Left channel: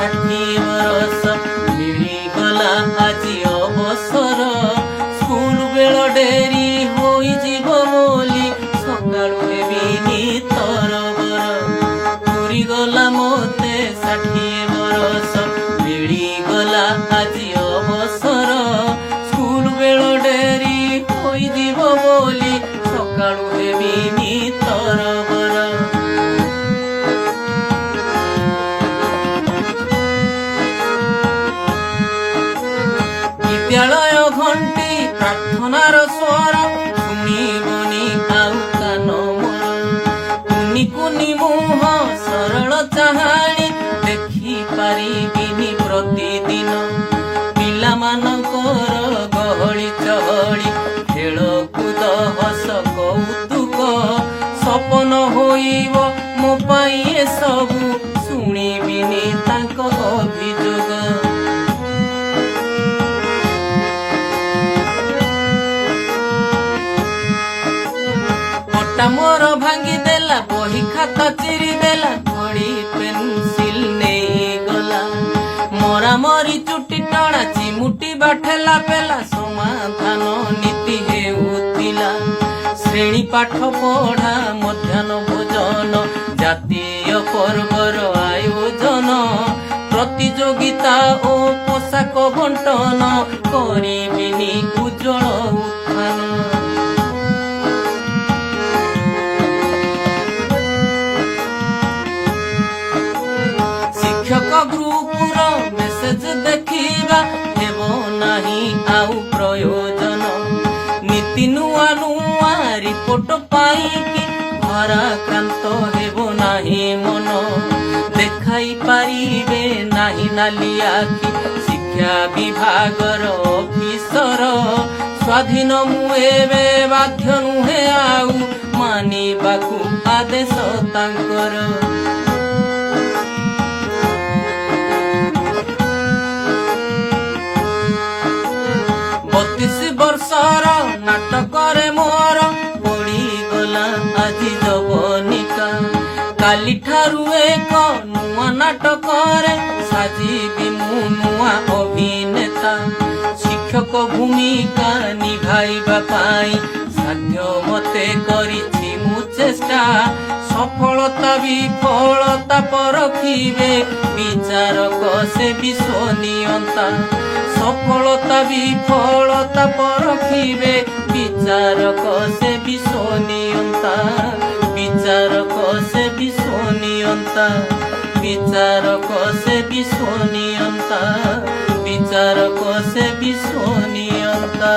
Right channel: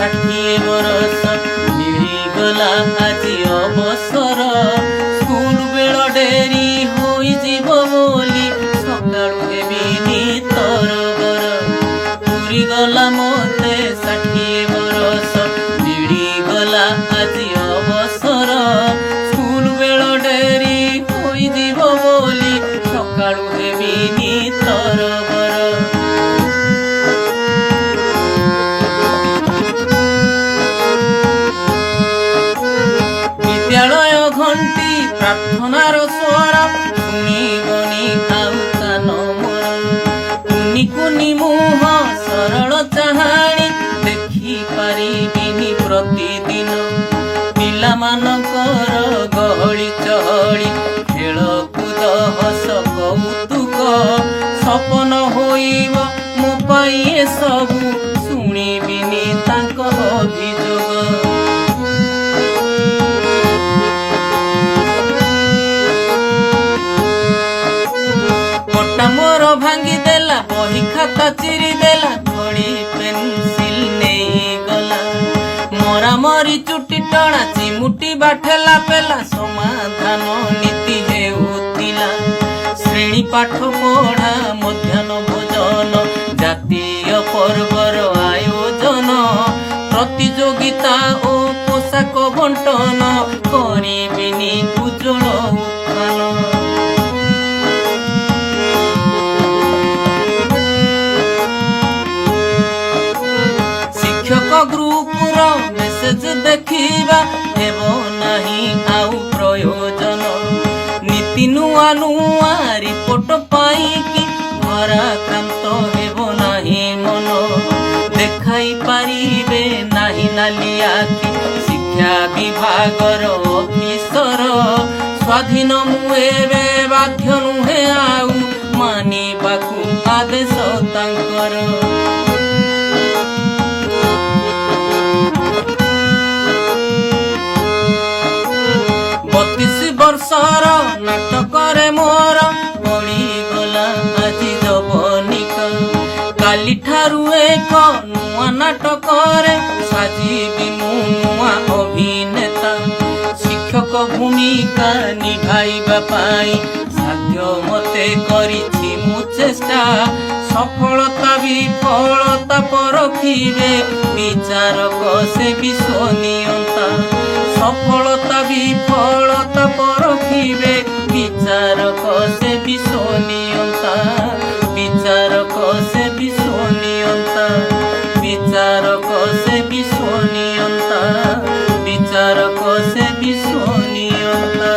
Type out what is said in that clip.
ଷାଠିଏ ବରଷ ମିଳିଗଲା ଆଜି ଅବସର। ସ୍କୁଲ ବେଳ ଡେରି ହୋଇଯିବ ବୋଲି ସକାଳୁ ହେବିନି ତରବର। ପୁରିଗଲା ମୋତେ 60 ବରଷ ମିଳିଗଲା ଆଜି ଅବସର। ସ୍କୁଲ ବେଳ ଡେରି ହୋଇଯିବ ବୋଲି ସକାଳୁ ହେବିନି ତରବର। ବିଦ୍ୟାଳୟ ଘଣ୍ଟି ପ୍ରାର୍ଥନାର ସ୍ୱର ଶୁଣିବନି ଆଉ କାନ ମୋର। କୁନି କୁନି ମୁହଁ ସରଳ ଚାହାଣୀ ଦେଖିପାରିବିନି ପ୍ରତିଦିନ। ପିଲାମାନଙ୍କର ଗହଳି ଚହଳି ଖେଳକୁଦ ହସ କୌତୁକ ସପନ ହୋଇବ ମୋ ପାଇଁ ଏସବୁ ଶୁଣିବିନି ତାଙ୍କ ଅଭିଯୋଗ। ପଟା ମୋର ଭାଙ୍ଗିଦେଲା ବହି ଖାତା ଚିରିଦେଲା ଖଡ଼ି ପେନସିଲ ନେଇଗଲା। ମରାମରି ଚୁଟି ଟଣା ଚିମୁଟି ବାଠେଲା ପେଲା ସମାଧାନ ନୀତି ହେଉଥିଲା। ଶ୍ରେଣୀ ପାଠ ପଢ଼ା ମଧ୍ୟାହ୍ନ ଭୋଜନ ଜାତୀୟ ପର୍ବର ଆୟୋଜନ ପ୍ରତିଯୋଗିତା ଓ ପୋଷାକ ବଣ୍ଟନ କରିବିନି ଉଜ୍ଜଳ ଉତ୍ଥାନ। ଶିକ୍ଷକ ଗ୍ରୁପର ମେସେଜ ଦେଖିବା ହେବ ନାହିଁ ଆଉ ପ୍ରୟୋଜନ। ନୀତି ନୂଆ ନୂଆ ରିପୋର୍ଟ ପାଇକି ଭାରାକ୍ରାନ୍ତ ହେବ ନାହିଁ ମନ। ଦେଖାଇ ପାରିବେ ନାହିଁ ନାଲି ଆଖି ଶିକ୍ଷା ବିଭାଗର ଅଫିସର। ସ୍ୱାଧୀନ ମୁଁ ଏବେ ବାଧ୍ୟ ନୁହେଁ ଆଉ ମାନିବାକୁ ଆଦେଶ ତାଙ୍କର। 32 ବର୍ଷର ନାଟକରେ ମୋର ପଡ଼ିଗଲା ଆଜି ଯବନିକା। କାଲିଠାରୁ ଏକ ନୂଆ ନାଟକରେ ସାଜିବି ମୁଁ ନୂଆ ଅଭିନେତା। ଶିକ୍ଷକ ଭୂମିକା ନିଭାଇବା ପାଇଁ ସାଧ୍ୟ ମତେ କରିଛି ମୁଁ ଚେଷ୍ଟା। ସଫଳତା ବିଫଳତା ପରଖିବେ ବିଚାରକ ସେ ବିଶ୍ୱନିୟନ୍ତା। ସଫଳତା ବିଫଳତା ପରଖିବେ ବିଚାରକ ସେ ବିଶ୍ୱନିୟନ୍ତା। ବିଚାରକ ସେ ବିଶ୍ୱନିୟନ୍ତା। ବିଚାରକ ସେ ବିଶ୍ୱନିୟନ୍ତା। ବିଚାରକ ସେ ବିଶ୍ୱନିୟନ୍ତା।